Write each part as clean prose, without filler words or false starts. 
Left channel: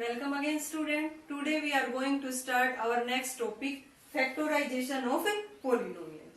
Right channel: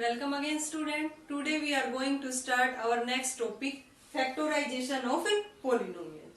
Welcome again student. Today we are going to start our next topic factorization of a polynomial.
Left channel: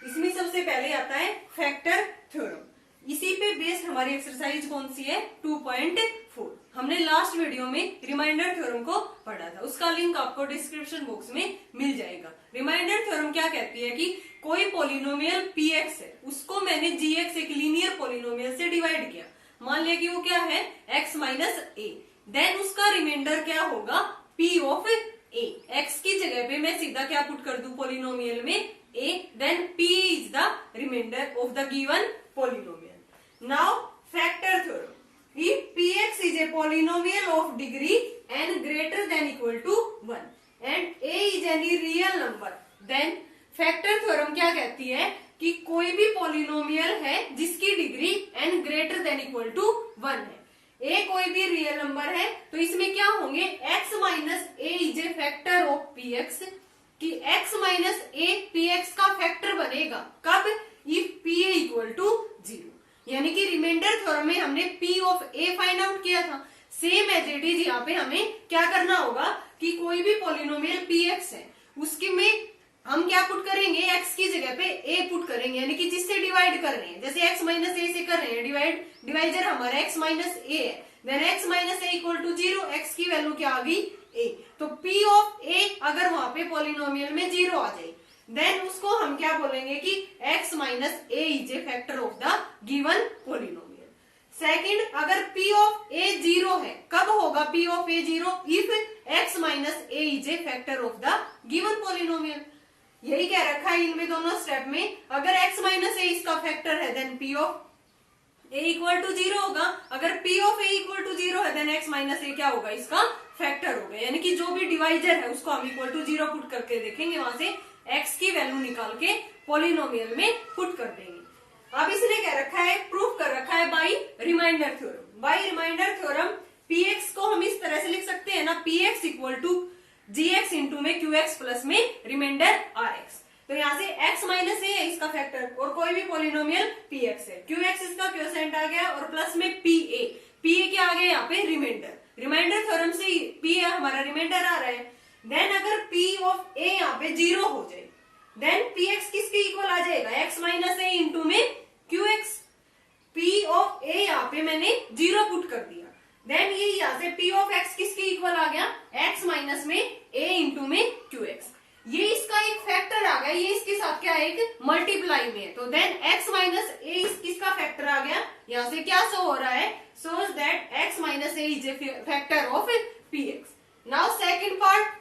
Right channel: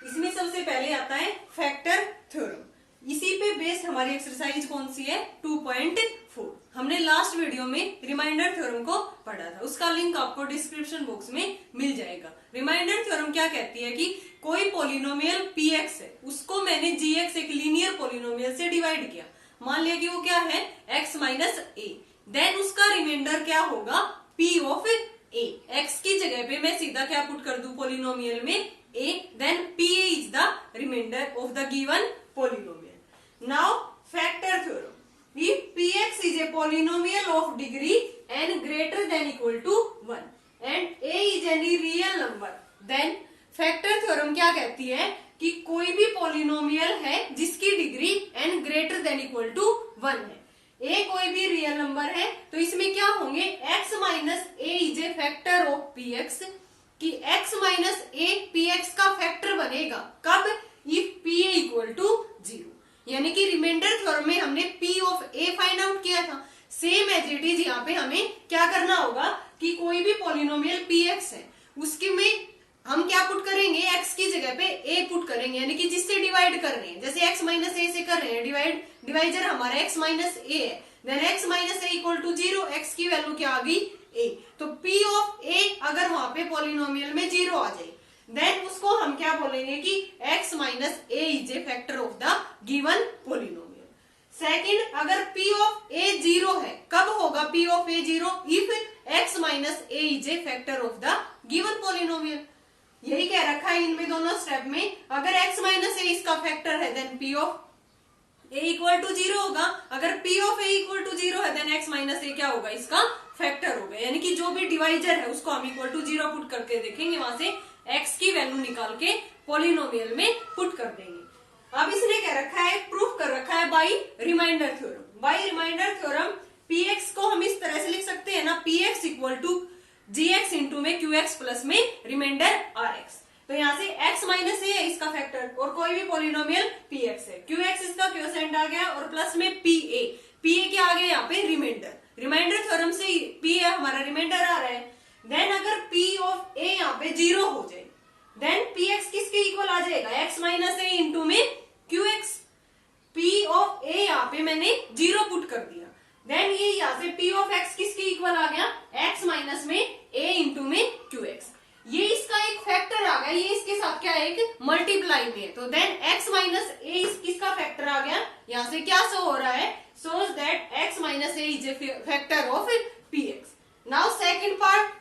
इसमें सबसे पहले आता है factor theorem. इसी पे बेस्ड हमारी एक्सरसाइज कौन सी है 2.4. हमने लास्ट वीडियो में रिमाइंडर थ्योरम को पढ़ा था, उसका लिंक आपको डिस्क्रिप्शन बॉक्स में मिल जाएगा. रिमाइंडर थ्योरम क्या कहती है कि कोई पॉलिनोमियल px है, उसको मैंने gx एक लीनियर पॉलिनोमियल से डिवाइड किया. मान लिया कि वो क्या है x माइनस ए, देन उसका रिमाइंडर क्या होगा p ऑफ a. x की जगह पे मैं सीधा क्या पुट कर दूं पॉलिनोमियल में a, then p is the remainder of the given polynomial. Now factor theorem. If px is a polynomial of degree n greater than equal to 1 and a is any real number, then factor theorem क्या कहती है कि कोई भी polynomial है जिसकी degree n greater than equal to 1 है, a कोई भी रियल नंबर है, तो इसमें क्या होंगे x minus A is a factor of px, कि x माइनस ए px का फैक्टर बनेगा कब, इफ p इक्वल टू 0. यानी कि रिमाइंडर थ्योरम में हमने p of a find out किया था. सेम एज इट इज यहाँ पे हमें क्या करना होगा कि कोई भी पॉलिनोमियल px है उसके में हम क्या पुट करेंगे, x की जगह पे a पुट करेंगे, यानी कि जिससे डिवाइड कर रहे हैं. जैसे x माइनस ए से कर रहे हैं डिवाइड, डिवाइजर हमारा x माइनस ए है, then x minus a equal to 0, x की वैल्यू क्या आ गई a. तो p ऑफ a अगर वहां पे पॉलिनोमियल में 0 आ जाए, देन उसको हम क्या बोलेंगे कि x minus A is a factor of the given polynomial. Second, अगर p ऑफ a 0 है, कब होगा p of a 0, if x minus A is a factor of the given polynomial. यही कह रखा है इनमें दोनों स्टेप में. अगर x माइनस ए इसका फैक्टर है, then p of a equal to 0 होगा. अगर p of a equal to 0 है, देन x माइनस ए क्या होगा, इसका फैक्टर होगा. यानी कि जो भी डिवाइजर है उसको हम इक्वल टू 0 पुट करके देखेंगे, वहां से x की वैल्यू निकाल के पॉलिनोमियल में पुट कर देंगे. अब इसने क्या रखा है, प्रूफ कर रखा है by remainder theorem. By remainder theorem px को हम इस तरह से लिख सकते हैं ना, px equal to gx into में qx प्लस में रिमाइंडर rx. तो यहाँ से x माइनस ए है इसका फैक्टर, और कोई भी पॉलिनोमियल px है, qx इसका क्वोशिएंट आ गया, और प्लस में pa क्या आ गया यहाँ पे रिमाइंडर. रिमाइंडर थ्योरम से p है हमारा रिमाइंडर आ रहा है. देन अगर p ऑफ a यहाँ पे 0 हो जाए, देन px किसके इक्वल आ जाएगा, x माइनस ए इंटू में qx. p ऑफ a यहाँ पे मैंने 0 पुट कर दिया, देन ये यहाँ से p ऑफ x किसके इक्वल आ गया, x माइनस में a इंटू में qx. ये इसका एक फैक्टर आ गया, ये इसके साथ क्या है, एक मल्टीप्लाई में है, तो देन x माइनस ए इसका फैक्टर आ गया. यहाँ से क्या शो हो रहा है, shows that x minus A is a factor of px. Now second part,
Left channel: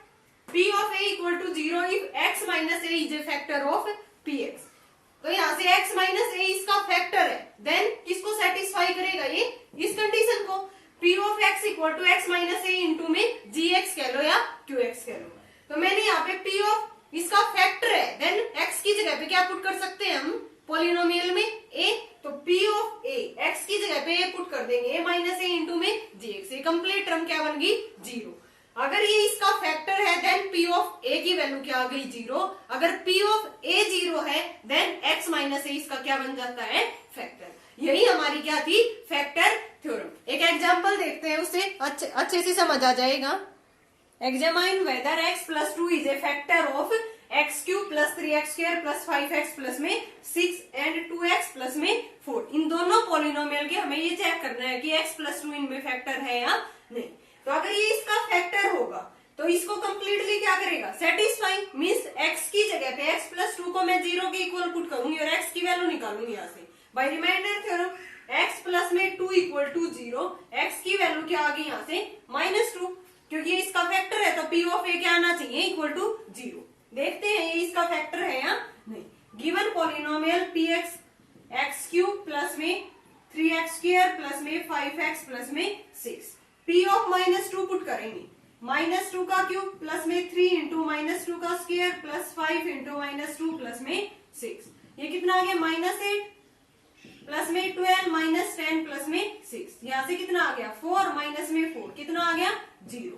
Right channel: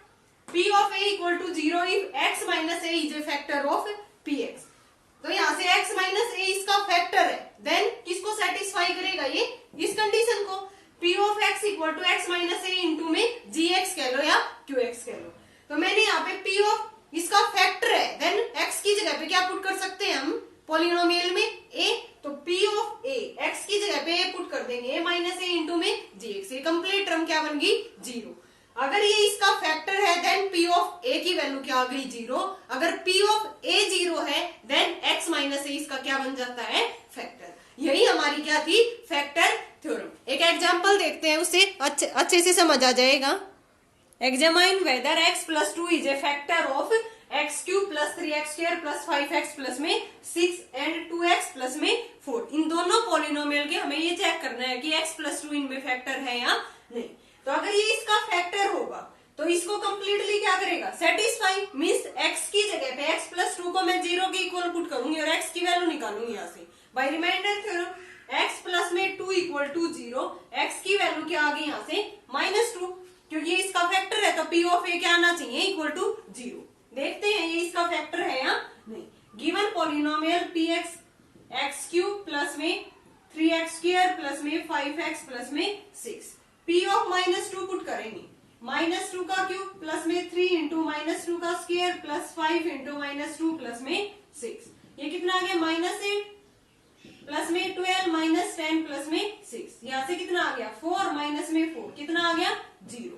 p of a equal to 0 if x minus a is a factor of px. तो यहाँ से x minus a इसका factor है, then किसको satisfy करेगा, ये इस condition को. p of x equal to x minus a into में gx कह लो या qx कह लो. तो मैंने यहाँ पे p of इसका फैक्टर है, देन x की जगह पे क्या पुट कर सकते हैं हम पॉलिनोमियल में a, तो p of a x की जगह पे a पुट कर देंगे, a माइनस a इंटू में gx. ये कंप्लीट टर्म क्या बन गई 0. अगर ये इसका फैक्टर है, देन p ऑफ a की वैल्यू क्या आ गई 0. अगर p ऑफ a 0 है, देन x माइनस a इसका क्या बन जाता है, फैक्टर. यही हमारी क्या थी, फैक्टर थ्योरम. एक एग्जांपल देखते हैं, उससे अच्छे से समझ आ जाएगा. Examine whether x plus 2 is a factor of x cube plus 3x square plus 5x plus में 6 एंड 2x प्लस में 4. इन दोनों पॉलिनोमियल के हमें ये चेक करना है कि x प्लस 2 इनमें फैक्टर है या नहीं. तो अगर ये इसका फैक्टर होगा तो इसको कंप्लीटली क्या करेगा, सेटिस्फाई. मींस x की जगह पे x प्लस 2 को मैं 0 के इक्वल पुट करूंगी और x की वैल्यू निकालूंगी यहाँ से by remainder theorem. x plus में 2 इक्वल टू 0, x की वैल्यू क्या आ गई यहाँ से -2, क्योंकि ये इसका फैक्टर है, तो p ऑफ a क्या आना चाहिए, इक्वल टू 0. देखते हैं ये इसका फैक्टर है या नहीं. Given polynomial px x cube plus में 3x स्क्वायर प्लस में 5x प्लस में 6. p ऑफ -2 पुट करेंगे, -2 का क्यूब प्लस में 3 इंटू -2 का स्क्वायर प्लस 5 इंटू -2 प्लस में 6. ये कितना आ गया, -8 प्लस में 12 -10 प्लस में 6. यहाँ से कितना आ गया 4 माइनस में 4 कितना आ गया 0.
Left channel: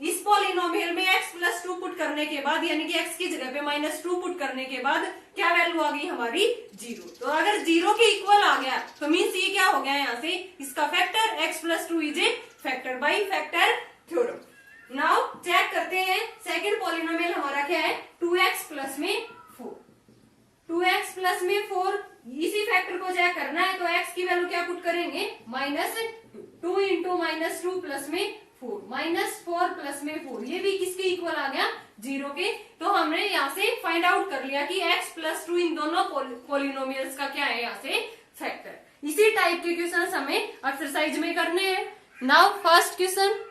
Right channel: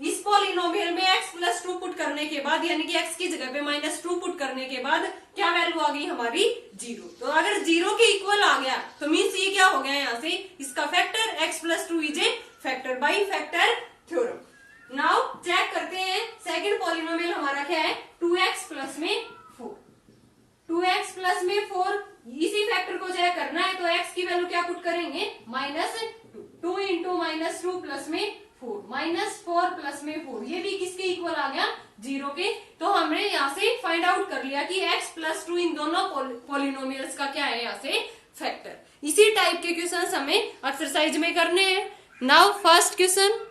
इस पॉलिनोमियल में x प्लस 2 पुट करने के बाद, यानी कि x की जगह पे -2 पुट करने के बाद क्या वैल्यू आ गई हमारी 0. तो अगर 0 के इक्वल आ गया तो मीन्स ये क्या हो गया, यहाँ से इसका factor x plus 2 is a factor by factor theorem. Now check करते हैं सेकंड पॉलिनोमियल हमारा क्या है, 2x प्लस में 4। 2x प्लस में 4, इसी फैक्टर को चेक करना है तो x की वैल्यू क्या पुट करेंगे, -2। 2 इंटू -2 प्लस में 4, -4 प्लस में 4, ये भी किसके इक्वल आ गया, 0 के। तो हमने यहाँ से फाइंड आउट कर लिया कि x प्लस 2 इन दोनों पॉलिनोमियल्स का क्या है यहाँ से फैक्टर। इसी टाइप के क्वेश्चन हमें एक्सरसाइज में करने हैं। Now first question,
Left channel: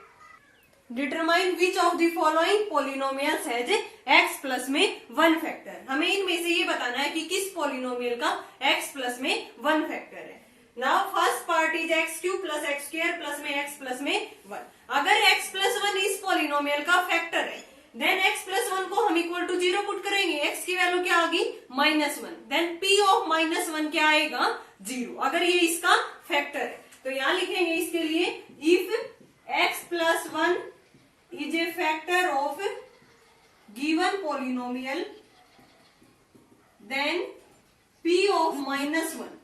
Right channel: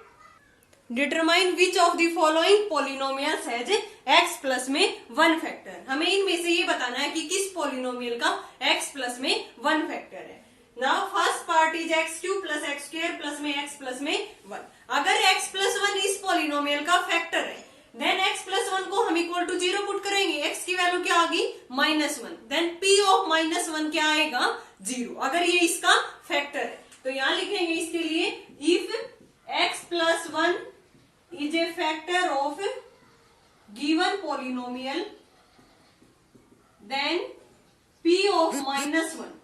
determine which of the following polynomials has x plus में 1 फैक्टर। हमें इनमें से ये बताना है कि किस पॉलिनोमियल का x प्लस में 1 फैक्टर है। Now first part is x³ plus x² plus में x प्लस में 1। अगर x प्लस 1 इस पॉलिनोमियल का फैक्टर है देन x प्लस 1 को हम इक्वल टू 0 पुट करेंगे, x की वैल्यू क्या आ गई, -1। देन p ऑफ -1 क्या आएगा, 0, अगर ये इसका फैक्टर है। तो यहां लिखेंगे इसके लिए, if x plus 1 is a factor of given polynomial then p of -1,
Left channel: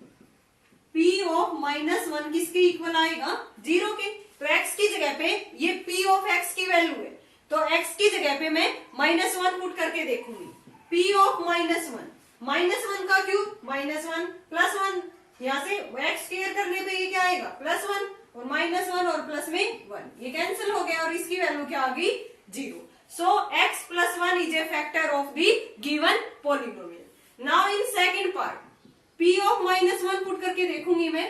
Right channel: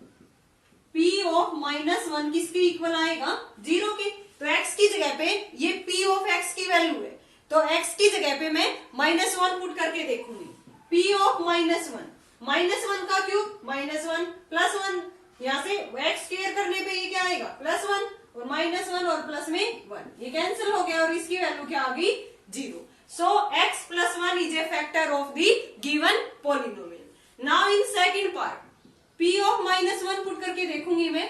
p of -1 किसके इक्वल आएगा, 0 के। तो x की जगह पे ये p of x की वैल्यू है तो x की जगह पे मैं -1 पुट करके देखूंगी, p of -1 का क्यूब -1 प्लस 1, यहाँ से x स्क्वायर करने पे ये क्या आएगा, +1 और -1 और प्लस में 1, ये कैंसिल हो गया और इसकी वैल्यू क्या आ गई, 0। So x plus 1 is a factor of the given polynomial. Now in second part p of -1 put करके देखूंगी मैं।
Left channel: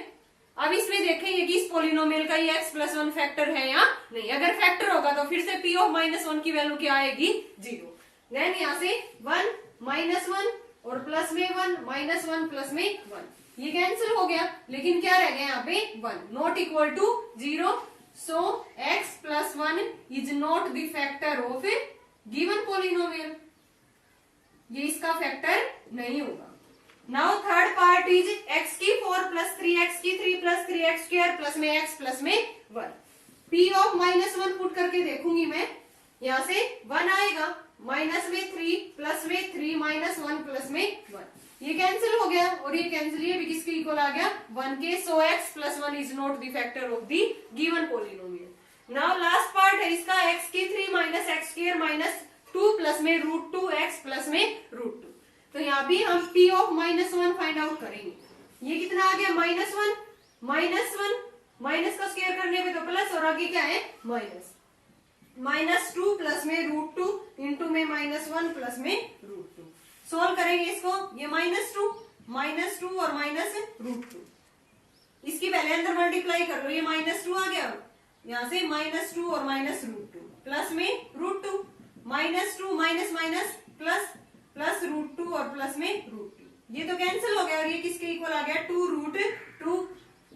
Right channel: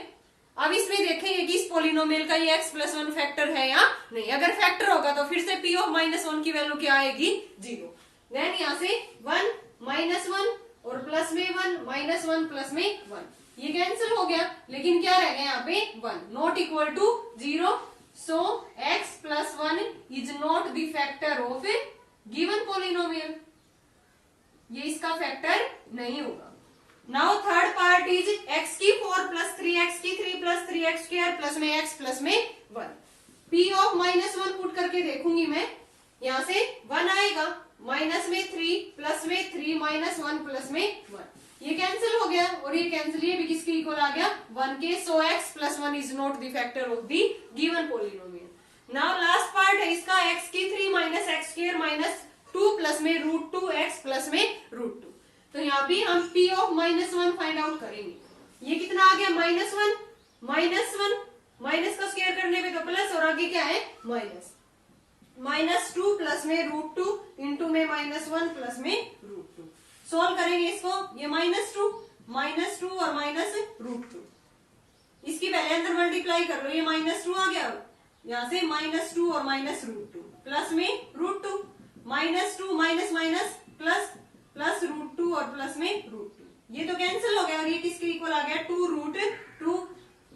अब इसमें देखेंगे कि इस पॉलिनोमियल का ये x प्लस 1 फैक्टर है या नहीं। अगर फैक्टर होगा तो फिर से p ऑफ -1 की वैल्यू क्या आएगी, 0। देन यहाँ से 1 -1 और प्लस में 1 -1 प्लस में 1, ये कैंसिल हो गया, लेकिन क्या रह गया यहाँ पे 1, not equal to 0। So x plus 1 is not the factor of given polynomial, ये इसका फैक्टर नहीं होगा। Now third part is x⁴ plus 3x³ plus 3x² plus में x प्लस में 1। p ऑफ -1 पुट करके देखूंगी मैं, यहाँ से 1 आएगा, माइनस में 3 प्लस में 3 -1 प्लस में 1, ये कैंसिल हो गया और ये कैंसिल, ये भी किसके इक्वल आ गया, 1 के। सो x plus 1 is not the factor of the given polynomial. Now last part है इसका x³ minus x² minus 2 plus में √2x प्लस में √2। तो यहाँ भी हम p ऑफ -1 फाइंड आउट करेंगे। ये कितना आ गया, -1 माइनस का स्क्वायर करने पे तो प्लस और आगे क्या है -2 प्लस में √2 इंटू में -1 प्लस में √2। सोल्व करेंगे इसको, ये -2 और -√2, इसकी पहले अंदर मल्टीप्लाई कर लो, ये -2 आ गया, यहाँ से -2 और -√2 प्लस में √2, -2 माइनस माइनस प्लस प्लस √2 और प्लस में √2, ये तो कैंसिल हो गया और ये किसके इक्वल आ गया, 2√2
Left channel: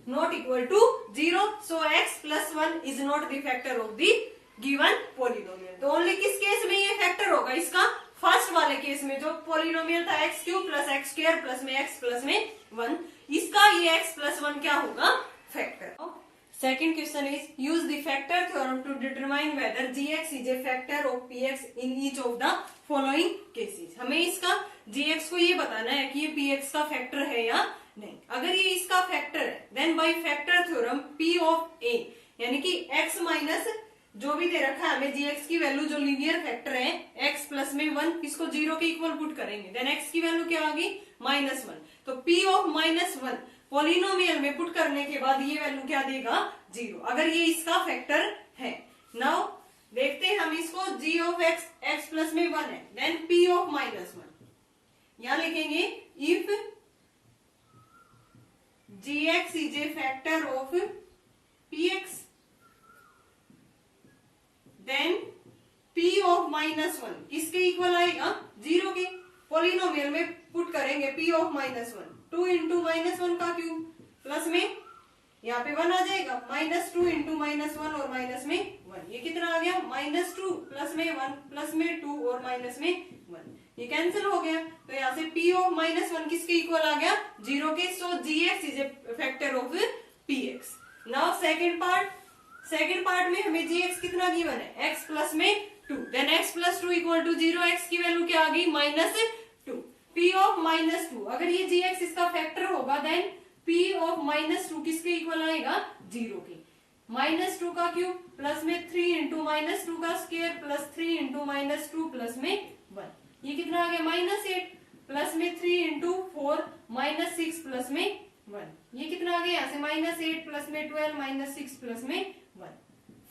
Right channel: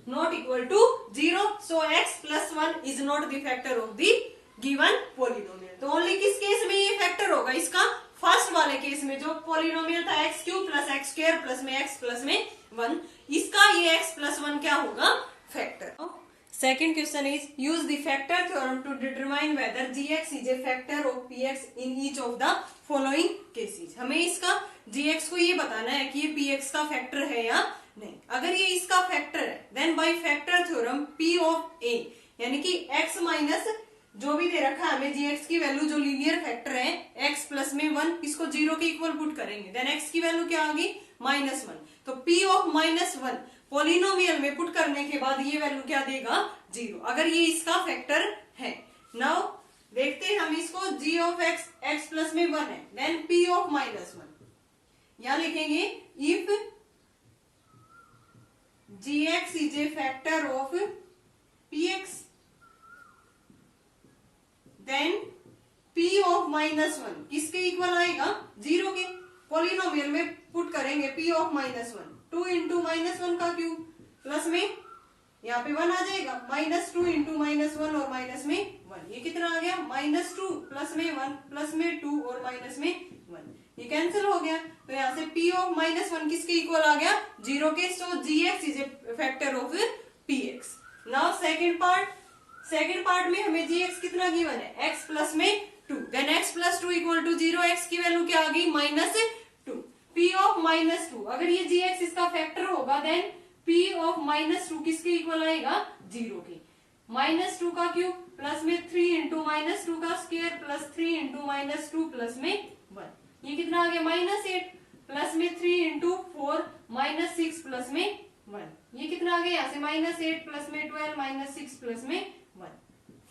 not equal to 0। So x plus 1 is not the factor of the given polynomial. तो ओनली किस केस में ये फैक्टर होगा, इसका फर्स्ट वाले केस में जो पॉलिनोमियल था x³ प्लस x² प्लस में x प्लस में 1, इसका ये x प्लस 1 क्या होगा, factor. Second question is use the factor theorem to determine whether gx is a factor of px in each of the following cases. हमें इसका gx को ये बताना है कि ये px का फैक्टर है या नहीं। अगर ये इसका फैक्टर है then by factor theorem p of a, यानी कि x माइनस जो भी दे रखा है हमें gx की वैल्यू जो लीनियर फैक्टर है x प्लस में 1, इसको 0 के इक्वल पुट करेंगे, देन x की वैल्यू क्या आ गई, -1। तो p ऑफ -1 पॉलिनोमियल में पुट करने के बाद ये वैल्यू क्या देगा, 0, अगर ये इसका फैक्टर है। नाउ देखते हैं हम इसको, g ऑफ x प्लस में 1 है, देन p ऑफ -1, यहां लिखेंगे if gx is a factor of px then p of -1 किसके इक्वल आएगा, 0 के। पॉलिनोमियल में पुट करेंगे p ऑफ -1, 2 इंटू -1 का क्यूब प्लस में यहाँ पे 1 आ जाएगा, -2 इंटू -1 और माइनस में 1, ये कितना आ गया, -2 प्लस में 1 प्लस में 2 और माइनस में 1, ये कैंसिल हो गया। तो यहाँ से p ऑफ -1 किसके इक्वल आ गया, 0 के। सो gx is a factor of px। Now second part में हमें gx कितना गिवन है, x प्लस में 2, then x plus 2 equal to 0, x की वैल्यू क्या आ गई, -2, p ऑफ -2, अगर ये gx इसका फैक्टर होगा देन p ऑफ -2 किसके इक्वल आएगा, 0 के। -2 का क्यूब प्लस में 3 इंटू -2 का स्क्वायर प्लस 3 इंटू -2 प्लस में 1, ये कितना आ गया -8 प्लस में 3 इंटू 4 -6 प्लस में 1, ये कितना आ गया यहाँ से -8 प्लस में 12 -6 प्लस में 1,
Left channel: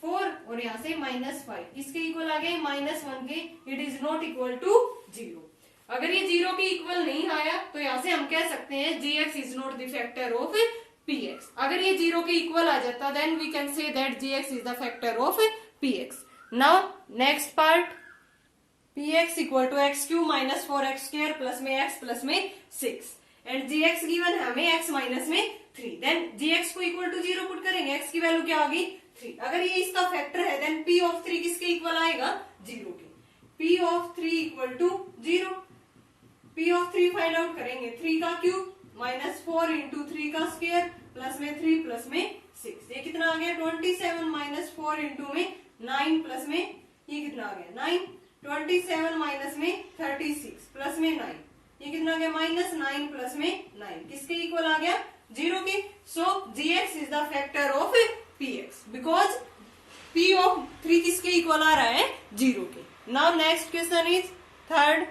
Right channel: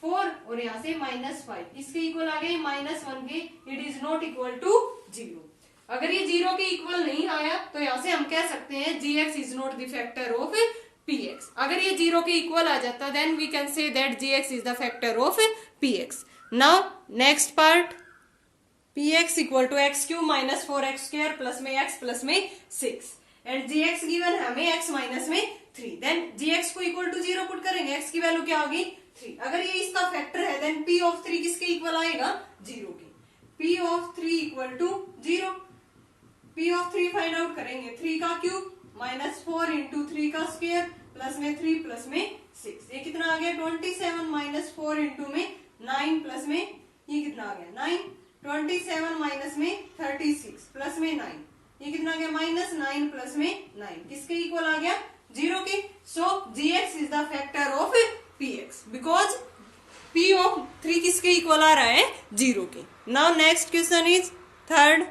4 और यहाँ से -5 किसके इक्वल आ गए -1 के। It is not equal to 0। अगर ये 0 के इक्वल नहीं आया तो यहाँ से हम कह सकते हैं gx is not the factor of px। अगर ये 0 के इक्वल आ जाता then we can say that gx is the factor of px। Now next part, px equal to x cube minus 4x square plus में x plus में 6 and gx given है हमें x minus में 3। Then gx को equal to 0 put करेंगे, x की value क्या होगी 3। अगर ये इसका फैक्टर है देन p ऑफ 3 किसके इक्वल आएगा 0 के। p of 3 equal to 0, p of 3 find out करेंगे, 3 का क्यूब माइनस 4 इंटू 3 का स्क्वायर प्लस में 3 प्लस में 6, ये कितना आ गया 27 माइनस 4 इंटू में 9 प्लस में ये कितना आ गया 9, 27 माइनस में 36 प्लस में 9, ये कितना आ गया -9 प्लस में 9 किसके इक्वल आ गया 0 के। सो gx is the factor of px because p of 3 किसके इक्वल आ रहा है 0 के। Now next question is third,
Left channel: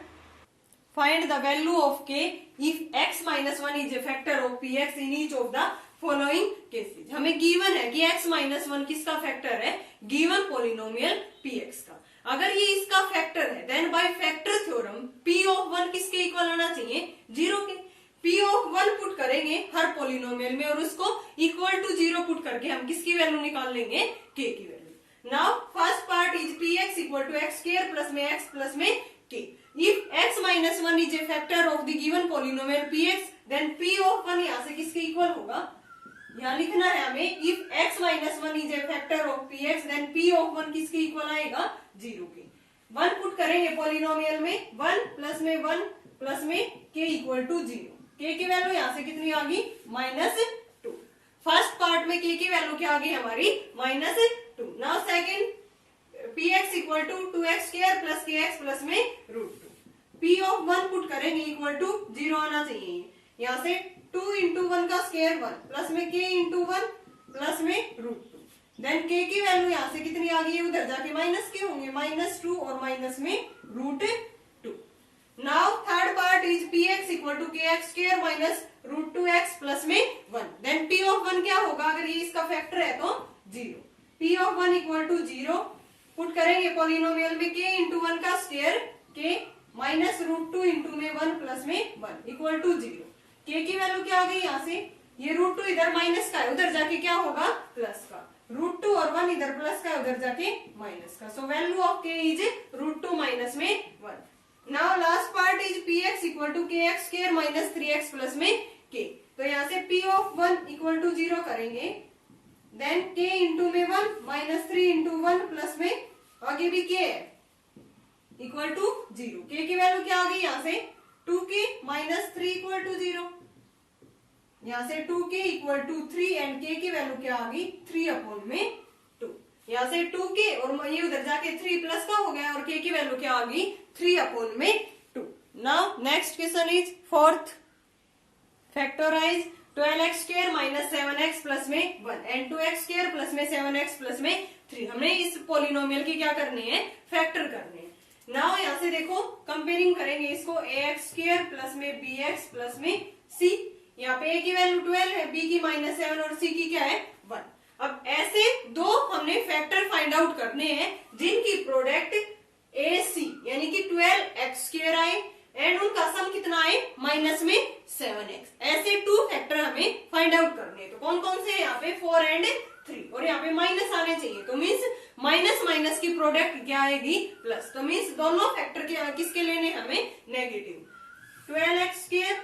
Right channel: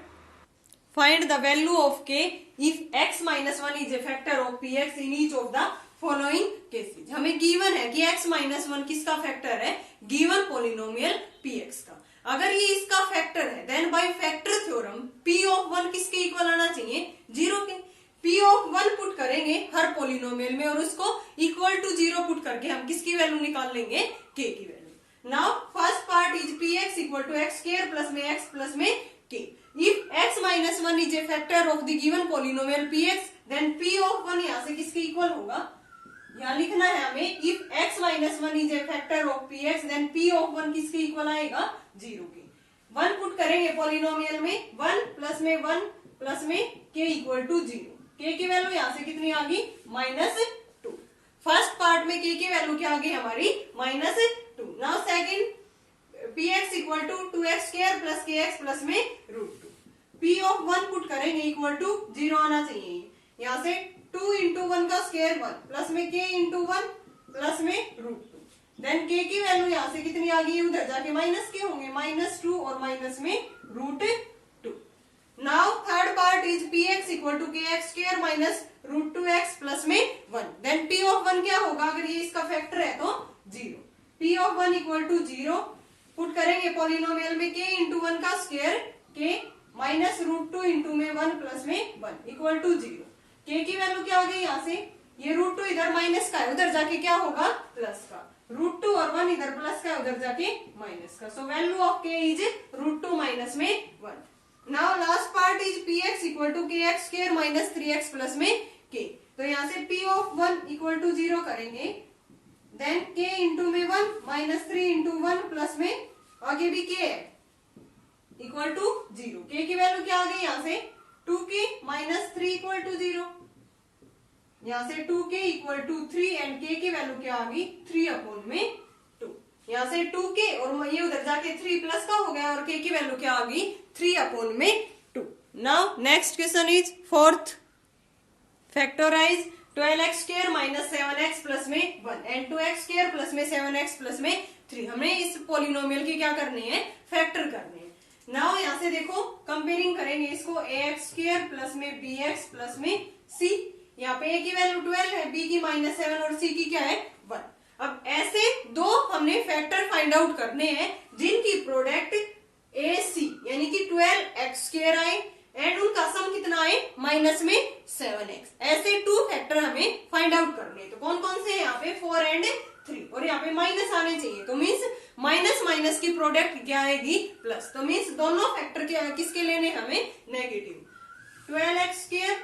find the value of k if x minus 1 is a factor of px in each of the following cases. हमें given है कि x minus 1 किसका factor है given polynomial px का। अगर ये इसका factor है then by factor theorem p of 1 किसके इक्वल आना चाहिए 0 के। p ऑफ 1 पुट करेंगे हर पोलिनोमियल में और उसको इक्वल टू 0 पुट करके हम किसकी वैल्यू निकाल लेंगे k की value. Now first part is px equal to x square plus में x प्लस में k। If x minus 1 is a factor of the given polynomial px then p of 1 यहाँ से किसके इक्वल होगा, यहाँ लिखना है हमें if x minus 1 is a factor of px then p of 1 किसके इक्वल आएगा 0 के। 1 पुट करेंगे पोलिनोमियल में 1 प्लस में k इक्वल टू 0, k की वैल्यू यहाँ से कितनी आ गई -2। फर्स्ट पार्ट में k की वैल्यू क्या आ गई हमारी -2। Now second px equal to 2x square plus kx plus में √2, p ऑफ 1 पुट करेंगे इक्वल टू 0 आना चाहिए, यहाँ से 2 इंटू 1 का स्क्वायर 1 प्लस में k इंटू 1 प्लस में √2, देन k की वैल्यू यहाँ से कितनी आ गई उधर जाके माइनस के होंगे -2 और माइनस में √2। Now third part is px equal to kx square minus √2x plus में 1, देन p ऑफ 1 क्या होगा अगर ये इसका फैक्टर है तो 0, p of 1 equal to 0 put करेंगे पोलिनोमियल में k इंटू 1 का स्क्वायर k माइनस √2 इंटू में 1 प्लस में 1 इक्वल टू 0, k की वैल्यू क्या होगी यहाँ से ये √2 इधर माइनस का है उधर जाके क्या होगा प्लस का, √2 और 1 इधर प्लस का उधर जाके माइनस का। So value of k is √2 minus में 1। Now last part is px equal to kx square minus 3x plus में k। तो यहाँ से p ऑफ 1 इक्वल टू 0 करेंगे, देन k इंटू में 1 माइनस 3 इंटू 1 प्लस में आगे भी k है इक्वल टू 0, k की वैल्यू क्या आ गई यहाँ से 2k माइनस 3 इक्वल टू 0, यहाँ से 2k equal to 3 and k की वैल्यू क्या आ गई 3 अपॉन में 2, यहाँ से 2k और ये उधर जाके 3 प्लस का हो गया और k की वैल्यू क्या आ गई 3 अपॉन में 2। Now next question is fourth, factorise 12x square minus 7x plus में 1 एंड 2x स्क्वायर प्लस में 7x प्लस में 3। हमने इस पोलिनोमियल की क्या करनी है फैक्टर करनी है। नाउ यहाँ से देखो कंपेयरिंग करेंगे इसको ax स्क्वायर प्लस में bx प्लस में c, यहाँ पे a की वैल्यू 12 है, b की -7 और c की क्या है 1। अब ऐसे दो हमने फैक्टर फाइंड आउट करने हैं जिनकी प्रोडक्ट ac यानी कि 12x स्क्वायर आए एंड उनका सम कितना आए माइनस में 7x। ऐसे 2 फैक्टर हमें फाइंड आउट करने हैं। तो कौन कौन से यहाँ पे 4 एंड 3 और यहाँ पे माइनस आने चाहिए, तो मीन्स माइनस माइनस की प्रोडक्ट क्या आएगी प्लस, तो मीन्स दोनों फैक्टर किसके लेने हमें नेगेटिव। 12x स्क्वायर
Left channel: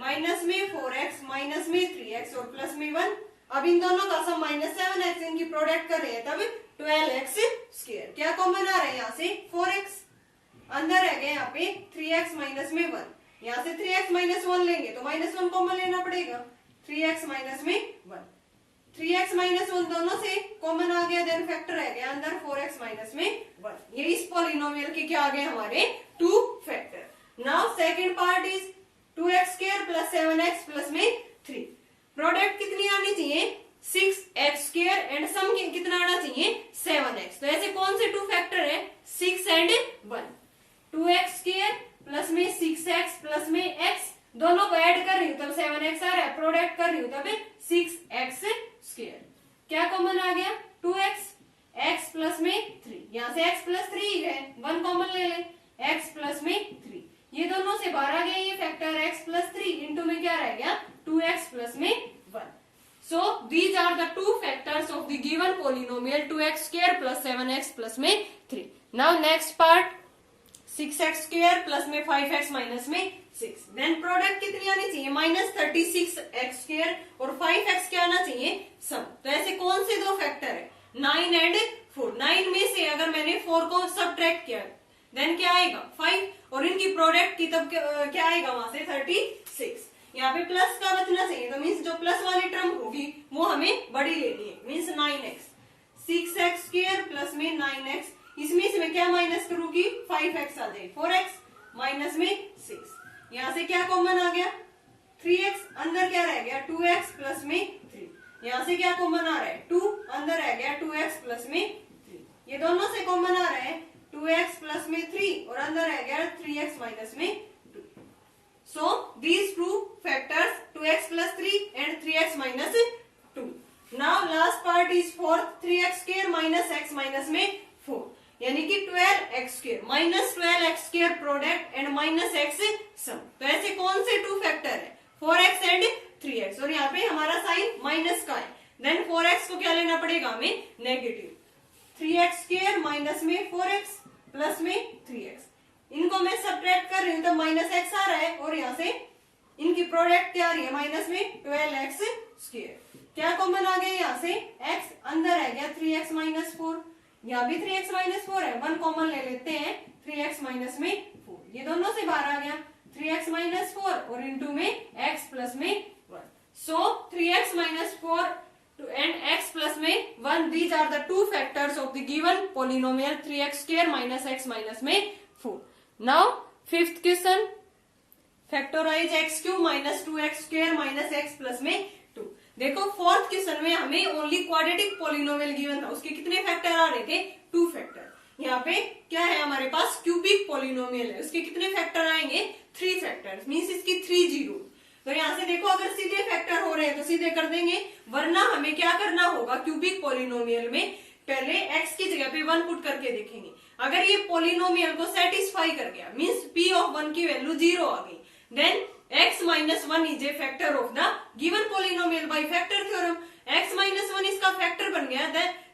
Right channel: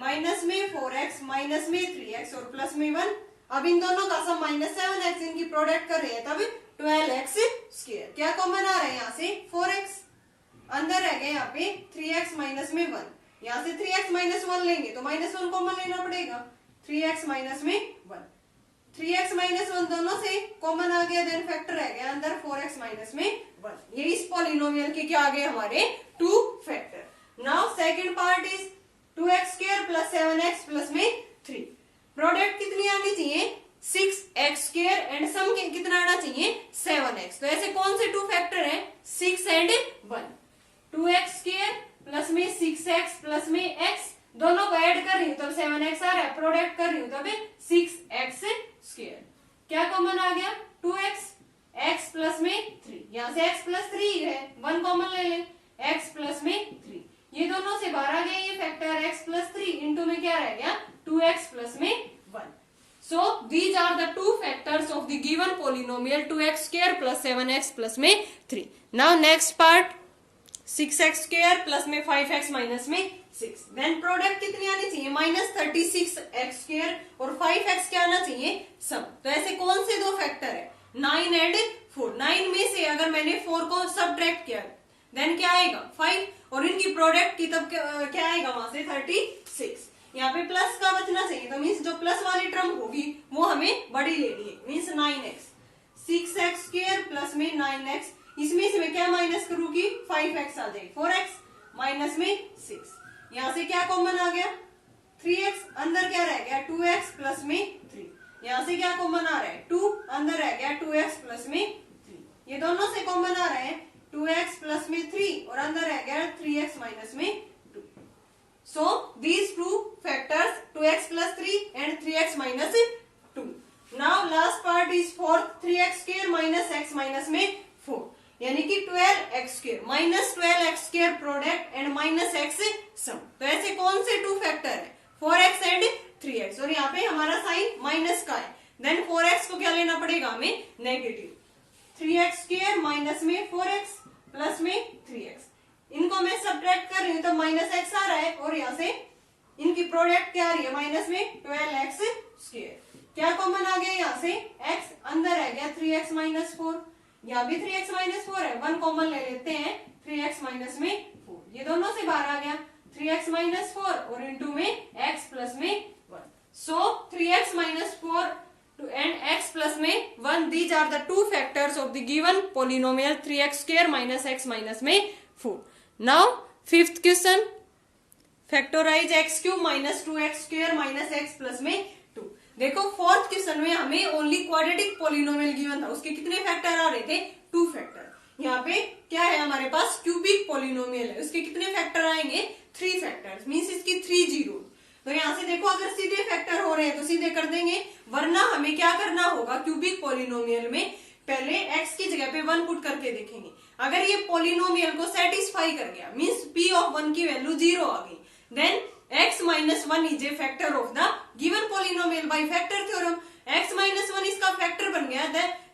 माइनस में 4x माइनस में 3x और प्लस में 1। अब इन दोनों का सम -7x इनकी प्रोडक्ट कर रहे हैं तब 12x स्क्वायर, क्या कॉमन आ रहा है यहाँ से 4x, अंदर रह गया यहाँ पे 3x माइनस में 1, यहाँ से 3x माइनस 1 लेंगे तो -1 कॉमन लेना पड़ेगा, 3x माइनस में 1, 3x माइनस 1 दोनों से कॉमन आ गया, देन फैक्टर रह गया अंदर 4x माइनस में 1। ये इस पॉलिनोमियल के क्या आ गए हमारे 2 factor. Now second part is 2x square plus 7x plus में 3, प्रोडक्ट कितनी आनी चाहिए 6x स्क्वायर एंड सम कितना आना चाहिए 7x। तो ऐसे कौन से टू फैक्टर है 6 एंड 1। 2x² प्लस में 6x प्लस में x दोनों को ऐड कर रही हूँ तब 7x आ रहा है, प्रोडक्ट कर रही हूँ तब 6x²। क्या कॉमन आ गया 2x, x प्लस में 3, यहाँ से x प्लस 3 है 1 कॉमन ले लें, x प्लस में 3 ये दोनों से बाहर आ गया ये फैक्टर x प्लस 3 इंटू में क्या रह गया 2x प्लस में 1। So these are the two factors of the given polynomial 2x² plus 7x plus में 3। Now next part 6x² plus में 5x minus में 6। Then product कितनी आनी चाहिए माइनस 36x² और 5x क्या आना चाहिए सम। तो ऐसे कौन से दो फैक्टर है 9 एंड 4। 9 में से अगर मैंने 4 को सब्ट्रैक्ट किया देन क्या आएगा 5 और इनकी प्रोडक्ट की तब क्या आएगा वहां से 36। यहाँ पे प्लस का बचना चाहिए तो मीन्स जो प्लस वाली टर्म होगी वो हमें बड़ी लेनी है मीन्स 9x। 6x² प्लस में 9x इसमें से मैं क्या माइनस करूंगी 5x आ जाएगी 4x माइनस में 6। यहाँ से क्या कॉमन आ गया 3x अंदर क्या रह गया 2x प्लस में 3। यहाँ से क्या कॉमन आ रहा है 2 अंदर रह गया 2x प्लस में 3। ये दोनों से कॉमन आ रहा है 2x प्लस में 3 और अंदर रह गया 3x माइनस में 2। So these two factors 2x plus 3 and 3x minus 2. Now last part is for 3x² minus x minus में 4 यानी कि 12x² minus 12x² product and minus x सम। तो ऐसे कौन से टू फैक्टर है 4x एंड 3x और यहाँ पे हमारा साइन माइनस का है देन 4x को क्या लेना पड़ेगा हमें नेगेटिव। 3x² माइनस में 4x प्लस में 3x इनको मैं सब्ट्रैक्ट कर रही हूँ तो माइनस x आ रहा है और यहाँ से इनकी प्रोडक्ट क्या आ रही है माइनस में 12x²। क्या कॉमन आ गया यहाँ से x अंदर है गया 3x माइनस 4 यहाँ भी 3x माइनस 4 है 1 कॉमन ले लेते हैं 3x माइनस में 4 ये दोनों से बाहर आ गया 3x माइनस 4 और इंटू में x प्लस में 1। सो 3x minus 4 and x plus में 1 these are the two factors of the given polynomial 3x² minus x minus में 4। Now fifth question factorize x³ minus 2x² minus x plus में 2। देखो fourth question में हमें only quadratic polynomial given था उसके कितने factor आ रहे थे 2 फैक्टर। यहाँ पे क्या है हमारे पास क्यूबिक पोलिनोमियल है उसके कितने फैक्टर आएंगे 3 फैक्टर्स मीन्स इसकी 3 जीरो। तो यहाँ से देखो अगर सीधे फैक्टर हो रहे हैं तो सीधे कर देंगे वरना हमें क्या करना होगा क्यूबिक पोलिनोमियल में पहले x की जगह पे 1 पुट करके देखेंगे। अगर ये पोलिनोमियल को सेटिस्फाई कर गया मीन्स p ऑफ 1 की वैल्यू 0 आ गई then x minus 1 is a factor of the given polynomial by factor theorem. x minus 1 इसका फैक्टर बन गया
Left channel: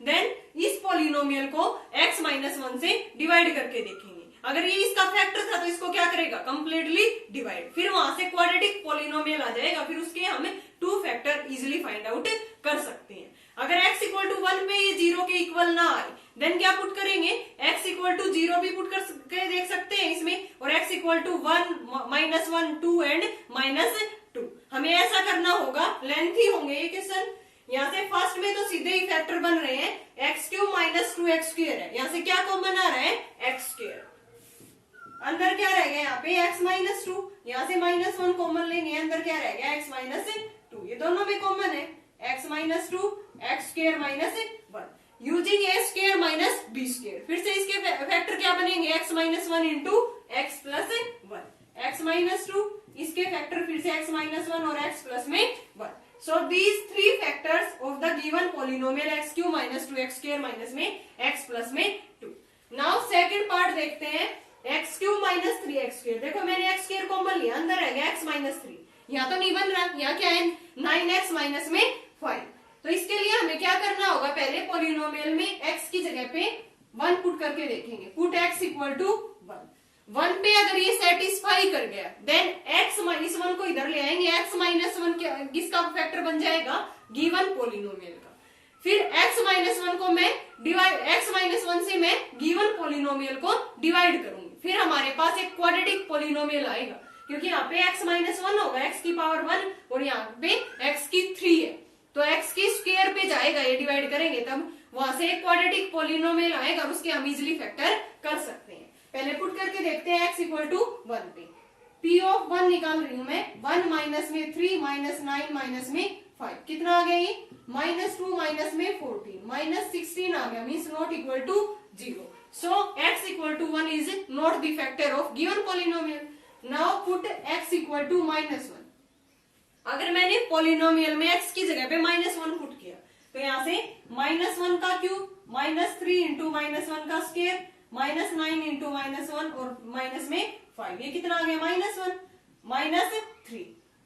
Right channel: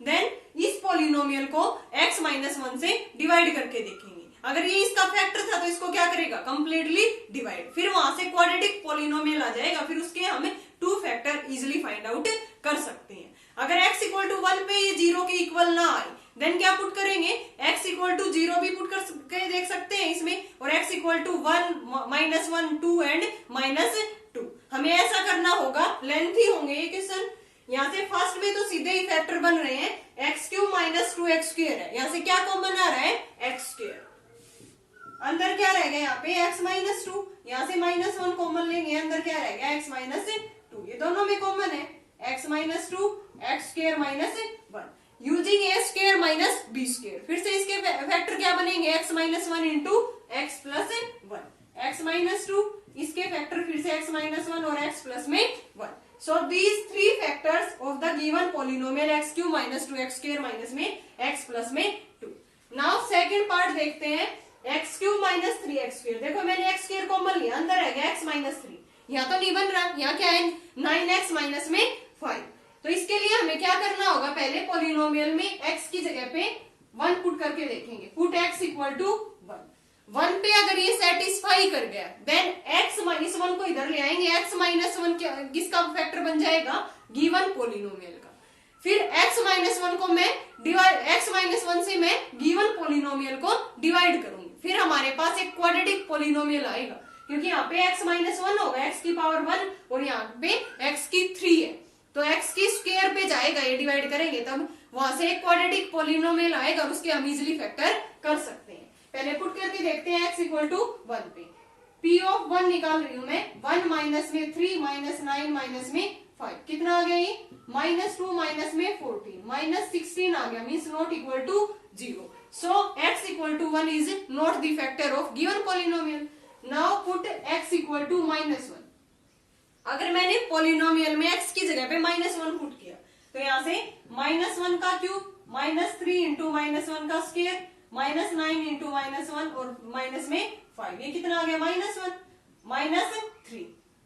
देन इस पोलिनोमियल को x माइनस 1 से डिवाइड करके देखेंगे। अगर ये इसका फैक्टर था तो इसको क्या करेगा कंप्लीटली डिवाइड फिर वहां से क्वाड्रेटिक पोलिनोमियल आ जाएगा फिर उसके हम 2 फैक्टर इजिली फाइंड आउट कर सकते हैं। अगर x इक्वल टू 1 में ये 0 के इक्वल ना आए देन क्या पुट करेंगे x इक्वल टू 0 भी पुट कर देख सकते हैं इसमें और x equal to 1 minus 1 2 and minus 2। हमें ऐसा करना होगा लेंथी होंगे ये क्वेश्चन। यहाँ से फर्स्ट में तो सीधे ही फैक्टर बन रहे हैं x³ माइनस 2x² है यहाँ से क्या कॉमन आ रहा है x²। अंदर क्या रह गया यहाँ पे x माइनस 2 यहाँ से माइनस 1 कॉमन लेंगे अंदर क्या रह गया x माइनस 2 ये दोनों में कॉमन है x minus 2 x² minus 1 using a² minus b²। फिर से इसके फैक्टर क्या बनेंगे x minus 1 into x plus 1 x minus 2 इसके फैक्टर फिर से x माइनस 1 और x प्लस में 1। So these 3 factors of the given polynomial x³ minus 2x² minus में x प्लस में 2। नाउ सेकेंड पार्ट देखते हैं x³ माइनस 3x²। देखो मैंने x² कॉमन लिया अंदर है गया x माइनस 3 यहाँ तो नहीं बन रहा यहाँ क्या है 9x माइनस में 5। तो इसके लिए हमें क्या करना होगा पहले पोलिनोमियल में x की जगह पे 1 पुट करके देखेंगे पुट x इक्वल टू 1 पे अगर ये सेटिस्फाई कर गया देन x माइनस 1 को इधर ले आएंगे x माइनस 1 किसका फैक्टर बन जाएगा गिवन पोलिनोमियल का। फिर x माइनस 1 को मैं x माइनस 1 से मैं गिवन पोलिनोमियल को डिवाइड करूंगी फिर हमारे पास एक क्वाड्रेटिक पोलिनोमियल आएगा क्योंकि यहाँ पे x माइनस 1 होगा x की पावर 1 और यहाँ पे x की 3 है तो x की स्क्वायर पे जाएगा ये डिवाइड करेंगे तब वहां से एक क्वाड्रेटिक पोलिनोमियल आएगा और उसके हम इजिली फैक्टर कर सकते हैं। पहले पुट करके देखते हैं x इक्वल टू 1 पे p ऑफ 1 निकाल रही हूं मैं 1 माइनस में 3 माइनस 9 माइनस में 5 कितना आ गया ये -2 माइनस में 14 -16 आ गया means not equal to 0. So x equal to 1 is not the factor of given polynomial. Now put x equal to -1. अगर मैंने पोलिनोमियल में x की जगह पे -1 पुट किया तो यहाँ से -1 का क्यूब -3 इंटू -1 का स्क्वायर -9 इंटू -1 और माइनस में 5 ये कितना आ गया -1 -3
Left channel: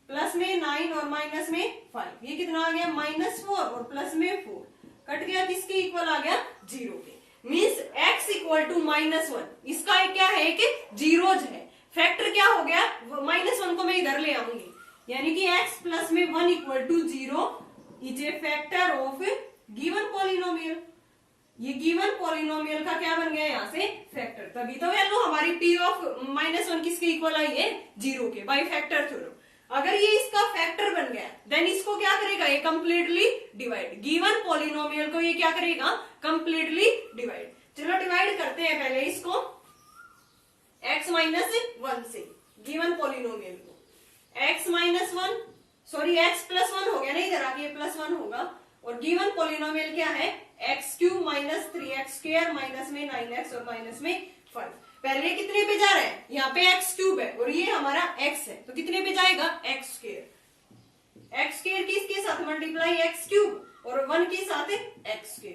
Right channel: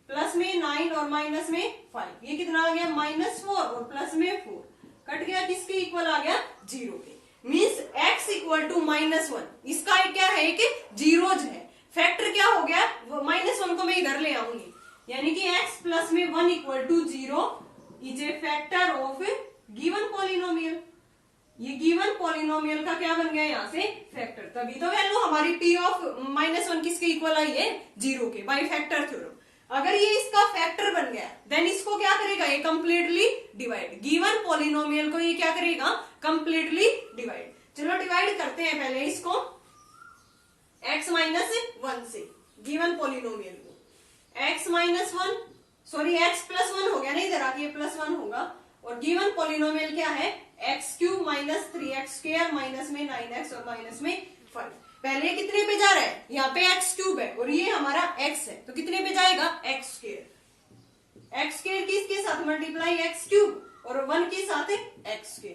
प्लस में 9 और माइनस में 5 ये कितना आ गया -4 और प्लस में 4 कट गया किसके इक्वल आ गया 0 के मीन्स x इक्वल टू -1 इसका क्या है कि जीरोज है. फैक्टर क्या हो गया -1 को मैं इधर ले आऊंगी यानी कि x प्लस में 1 equal to 0 is a factor of given polynomial. ये गिवन पॉलिनोमियल का क्या बन गया यहाँ से फैक्टर. तभी तो वैल्यू हमारी p ऑफ -1 किसके इक्वल आई है 0 के बाय फैक्टर थ्योरम. अगर ये इसका फैक्टर बन गया देन इसको क्या करेगा ये कंप्लीटली डिवाइड. गिवन पॉलिनोमियल को ये क्या करेगा कंप्लीटली डिवाइड. चलो डिवाइड करते हैं पहले इसको x -1 से गिवन पॉलिनोमियल को x-1 सॉरी x+1 हो गया ना इधर आके +1 होगा और गिवन पॉलिनोमियल क्या है x³ - 3x² माइनस में 9x और माइनस में 5. पहले कितने पे जा रहा है यहाँ पे x³ है और ये हमारा x है तो कितने पे जाएगा x². x² किसके साथ मल्टीप्लाई x³ और 1 के साथ x².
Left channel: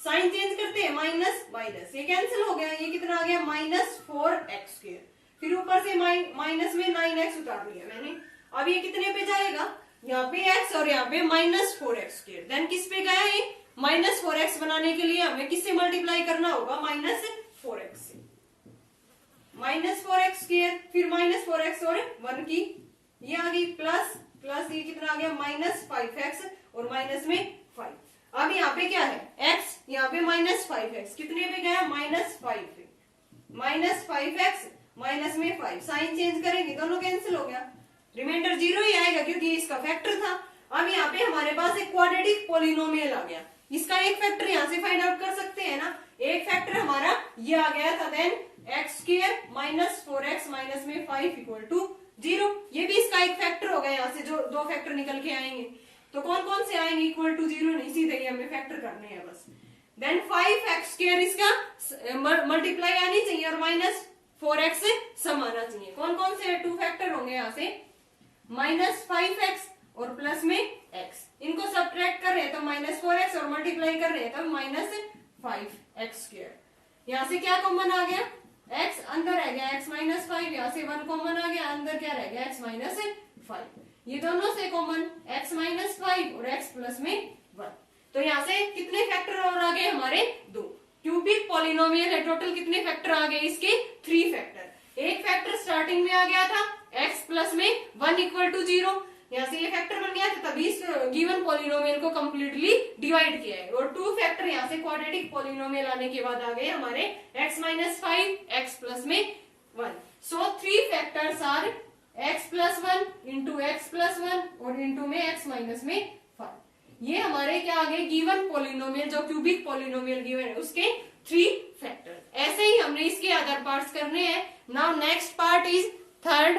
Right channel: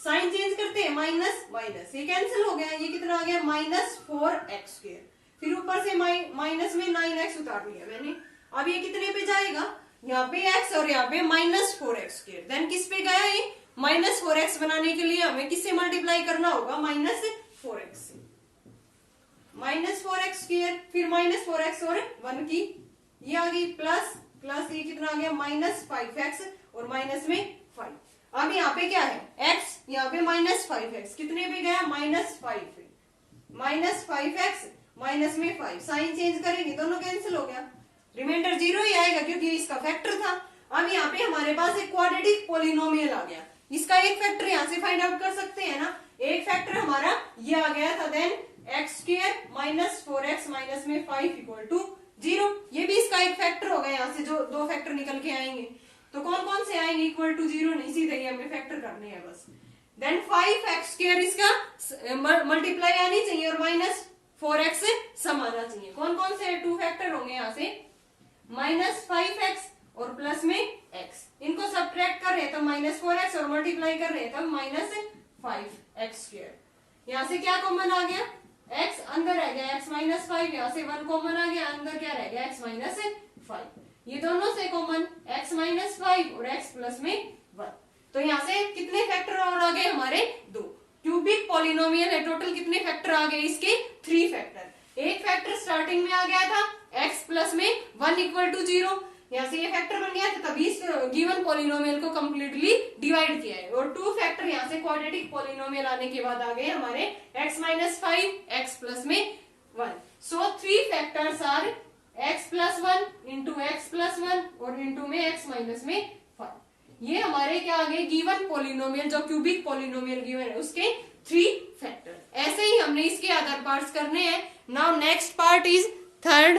साइन चेंज करते हैं माइनस ये कैंसिल हो गया ये कितना आ गया -4x². फिर ऊपर से माइनस में 9x उतार लिया मैंने. अब ये कितने पे जाएगा यहाँ पे x और यहाँ पे -4x². देन किस पे गया ये -4x बनाने के लिए हमें किससे मल्टीप्लाई करना होगा -4x से. -4x² फिर -4x और 1 की ये आ गई प्लस ये कितना आ गया -5x और माइनस में 5. अब यहाँ पे क्या है x यहाँ पे -5x कितने पे गया -5x माइनस में 5. साइन चेंज करेंगे दोनों कैंसिल हो गया रिमाइंडर 0 ही आएगा क्योंकि इसका फैक्टर था. अब यहाँ पे हमारे पास एक क्वाड्रेटिक पॉलिनोमियल आ गया. इसका एक फैक्टर यहाँ से फाइंड आउट कर सकते हैं ना. एक फैक्टर हमारा ये आ गया था देन x² - 4x माइनस में 5 इक्वल टू 0. ये भी इसका एक फैक्टर होगा यहाँ से जो दो फैक्टर निकल के आएंगे. तो कौन कौन से आएंगे इक्वल टू 0 नहीं सीधे ही हमें फैक्टर करने हैं बस. देन 5x² इसका मल्टीप्लाई आनी चाहिए और -4x से सम आना चाहिए. कौन कौन से 2 फैक्टर होंगे यहाँ से -5x और प्लस में x. इनको सब्ट्रैक्ट कर रहे हैं तो -4x और मल्टीप्लाई कर रहे हैं तो -5x². यहाँ से क्या कॉमन आ गया x अंदर रह गया x -5 यहाँ से 1 कॉमन आ गया अंदर क्या रह गया x -5. ये दोनों से कॉमन x -5 और x प्लस में 1. तो यहाँ से कितने फैक्टर और आ गए हमारे 2. क्यूबिक पॉलिनोमियल है टोटल कितने फैक्टर आ गए इसके 3 फैक्टर. एक फैक्टर स्टार्टिंग में आ गया था x प्लस में 1 इक्वल टू 0. यहाँ से ये फैक्टर बन गया था तभी इस गिवन पॉलिनोमियल को कंप्लीटली डिवाइड किया है. और 2 फैक्टर यहाँ से क्वाड्रेटिक पॉलिनोमियल आने के बाद आ गए हमारे x -5 x प्लस में 1. So 3 factors are x+1 into x+1 और इंटू में x माइनस में 5. ये हमारे क्या आ गए गिवन पॉलिनोमियल जो क्यूबिक पॉलिनोमियल गिवन है उसके 3 फैक्टर. ऐसे ही हमने इसके अदर पार्ट्स करने हैं. Now next part is third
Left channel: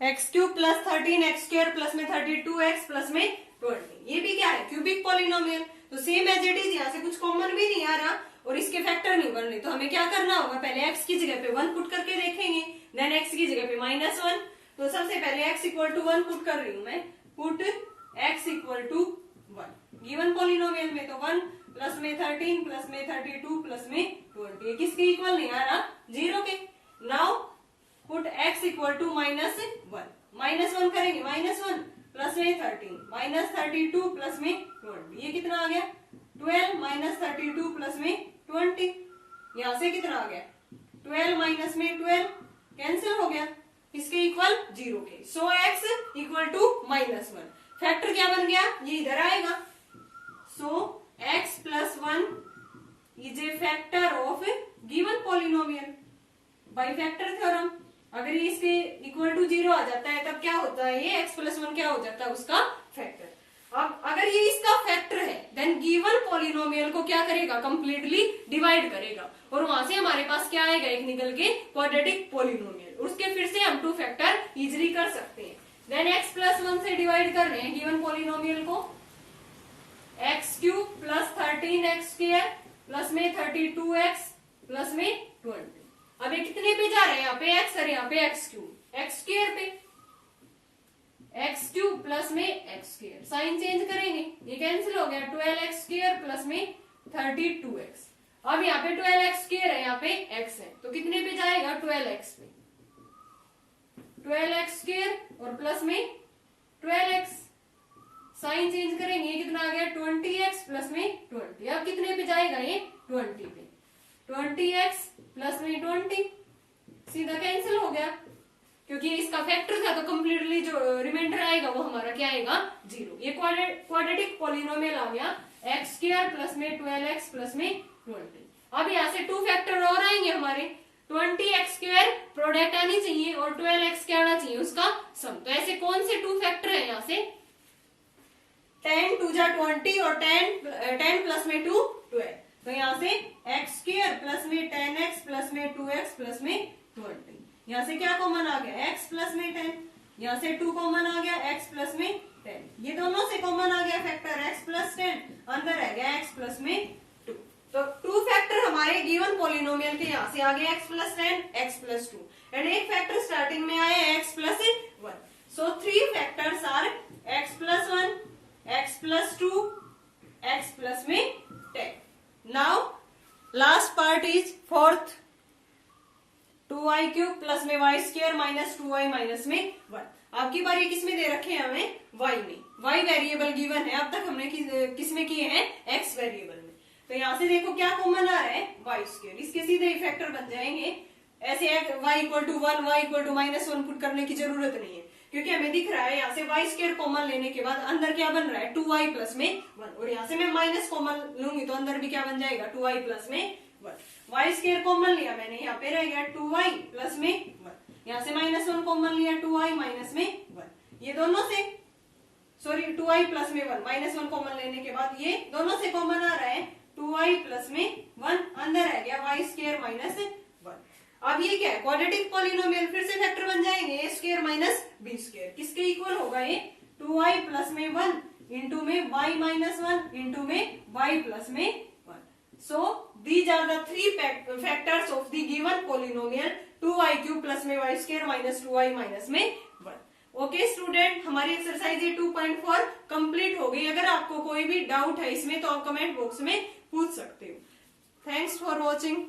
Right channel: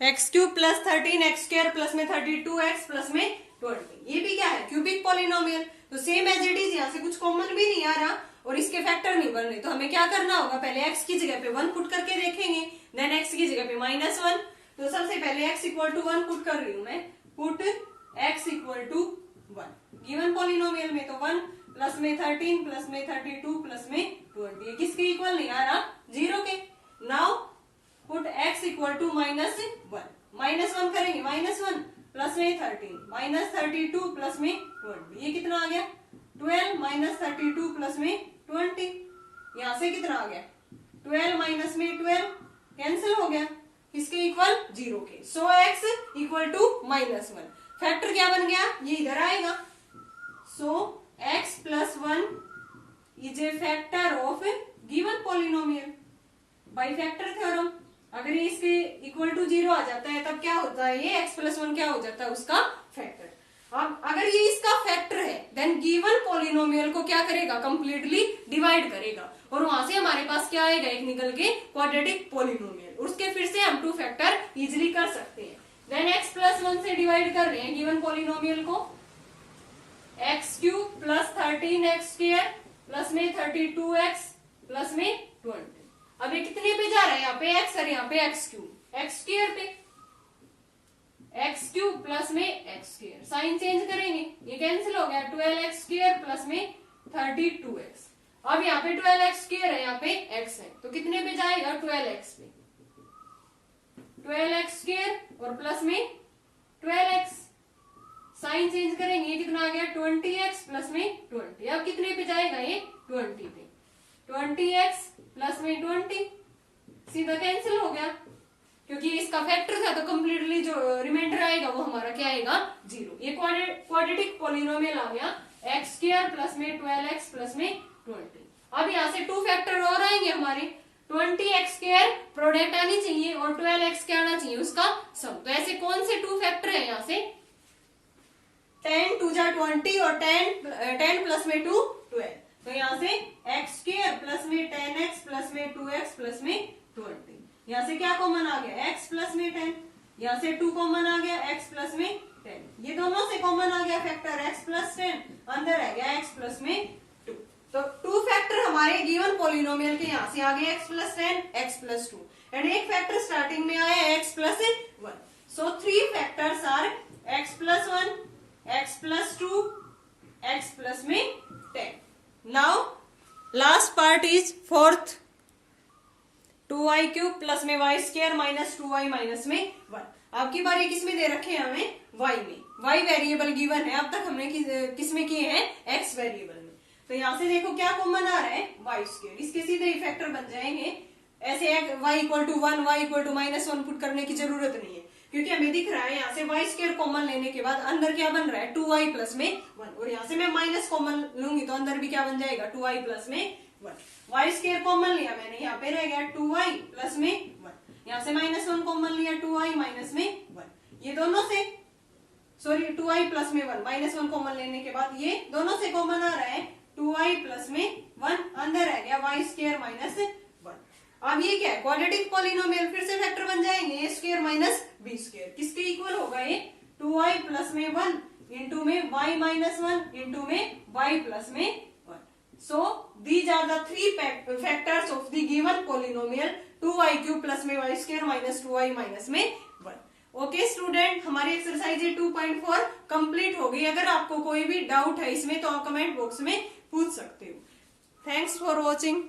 x³ + 13x² plus में 32x प्लस में 20. ये भी क्या है क्यूबिक पॉलिनोमियल. तो सेम एज इट इज यहाँ से कुछ कॉमन भी नहीं आ रहा और इसके फैक्टर नहीं बन रहे. तो हमें क्या करना होगा पहले x की जगह पे 1 पुट करके देखेंगे देन x की जगह पे -1. तो सबसे पहले x इक्वल टू 1 पुट कर रही हूँ मैं. Put x equal to 1 given polynomial में तो 1 प्लस में 13 प्लस में 32 प्लस में 20 ये किसके इक्वल नहीं आ रहा 0 के. Now put x equal to -1 -1 करेंगे -1 प्लस में 13 -32 प्लस में 20 ये कितना आ गया 12 -32 प्लस में 20. यहाँ से कितना आ गया 12 माइनस में 12 कैंसिल हो गया किसके इक्वल 0 के. सो x इक्वल टू -1. फैक्टर क्या बन गया ये इधर आएगा. सो x plus 1 is a factor of given polynomial bye factor theorem. अगर ये इसके इक्वल टू 0 आ जाता है तब क्या होता है ये x प्लस 1 क्या हो जाता है उसका फैक्टर. अब अगर ये इसका फैक्टर है देन गिवन पॉलिनोमियल को क्या करेगा कंप्लीटली डिवाइड करेगा और वहां से हमारे पास क्या आएगा एक निकल के क्वाड्रेटिक पॉलिनोमियल. उसके फिर से हम 2 फैक्टर इजिली कर सकते हैं. देन x प्लस 1 से डिवाइड कर रहे हैं गिवन पॉलिनोमियल को, x cube plus 13x square plus में 32x प्लस में 20। अब ये कितने पे जा रहे हैं, यहाँ पे x और यहाँ पे एक्स क्यूब, एक्स स्क्वायर पे एक्स क्यूब प्लस में एक्स स्क्वायर, साइन चेंज करेंगे ये कैंसिल हो गया, 12x स्क्वायर प्लस में 32x। अब यहाँ पे 12x स्क्वायर है, यहाँ पे x है, तो कितने पे जाएगा 12x पे, 12x स्क्वायर और प्लस में 12x, साइन चेंज करेंगे ये कितना आ गया 20x प्लस में 20। अब कितने पे जाएगा ये 20 पे, 20x प्लस में 20, सीधा कैंसिल हो गया क्योंकि इसका फैक्टर था, तो कंप्लीटली जो रिमाइंडर आएगा वो हमारा क्या आएगा 0। ये क्वाड्रेटिक पॉलिनोमियल आ गया एक्स स्क्वायर प्लस में 12x प्लस में 20। अब यहाँ से 2 फैक्टर और आएंगे हमारे, 20x स्क्वायर प्रोडक्ट आनी चाहिए और 12x क्या आना चाहिए उसका सम। तो ऐसे कौन से 2 फैक्टर है यहाँ से, 10 2 जा 20 और 10 प्लस में 2 12। तो यहाँ से एक्स स्क्वायर प्लस में 10x प्लस में 2x प्लस में 20। यहाँ से क्या कॉमन आ गया x प्लस में 10, यहाँ से 2 कॉमन आ गया x प्लस में 10, ये दोनों से कॉमन आ गया फैक्टर x प्लस 10, अंदर रह गया x प्लस में 2। तो 2 फैक्टर हमारे गिवन पॉलिनोमियल के यहाँ से आ गया x plus 10 x plus 2 and एक फैक्टर स्टार्टिंग में आया x plus 1। So 3 factors are x plus 1 x plus 2 x plus में 10। Now last part is fourth, 2y cube plus में y square minus 2y minus में 1। आपकी बार ये किसमें दे रखे हैं हमें, y में, y वेरिएबल गिवन है, अब तक हमने किसमें किए हैं x वेरिएबल में। तो यहाँ से देखो क्या कॉमन आ रहा है y स्क्वायर, इसके सीधे इफेक्टर बन जाएंगे। ऐसे y equal to 1 y equal to -1 put करने की जरूरत नहीं है क्योंकि हमें दिख रहा है यहाँ से y स्क्वायर कॉमन लेने के बाद अंदर क्या बन रहा है 2y प्लस में 1, और यहाँ से मैं माइनस कॉमन लूंगी तो अंदर भी क्या बन जाएगा 2y प्लस में 1। y स्क्वायर कॉमन लिया मैंने, यहाँ पे रह गया 2y प्लस में 1, यहाँ से -1 कॉमन लिया 2y माइनस में 1, ये दोनों से सॉरी 2y प्लस में 1, -1 कॉमन लेने के बाद ये दोनों से कॉमन आ रहा है 2y प्लस में 1, अंदर रह गया y स्क्वायर माइनस 1। अब ये क्या है क्वाड्रेटिक पॉलिनोमियल, फिर से फैक्टर बन जाएंगे a square minus b square, किसके इक्वल होगा ये 2y प्लस में 1 इंटू में y माइनस 1 इंटू में y प्लस में 1। So these are the 3 factors of the given polynomial 2y cube plus में y square minus 2y minus में 1। Okay student, हमारी एक्सरसाइज 2.4 कंप्लीट हो गई। अगर आपको कोई भी डाउट है इसमें तो आप कमेंट बॉक्स में पूछ सकते हो। Thanks for watching.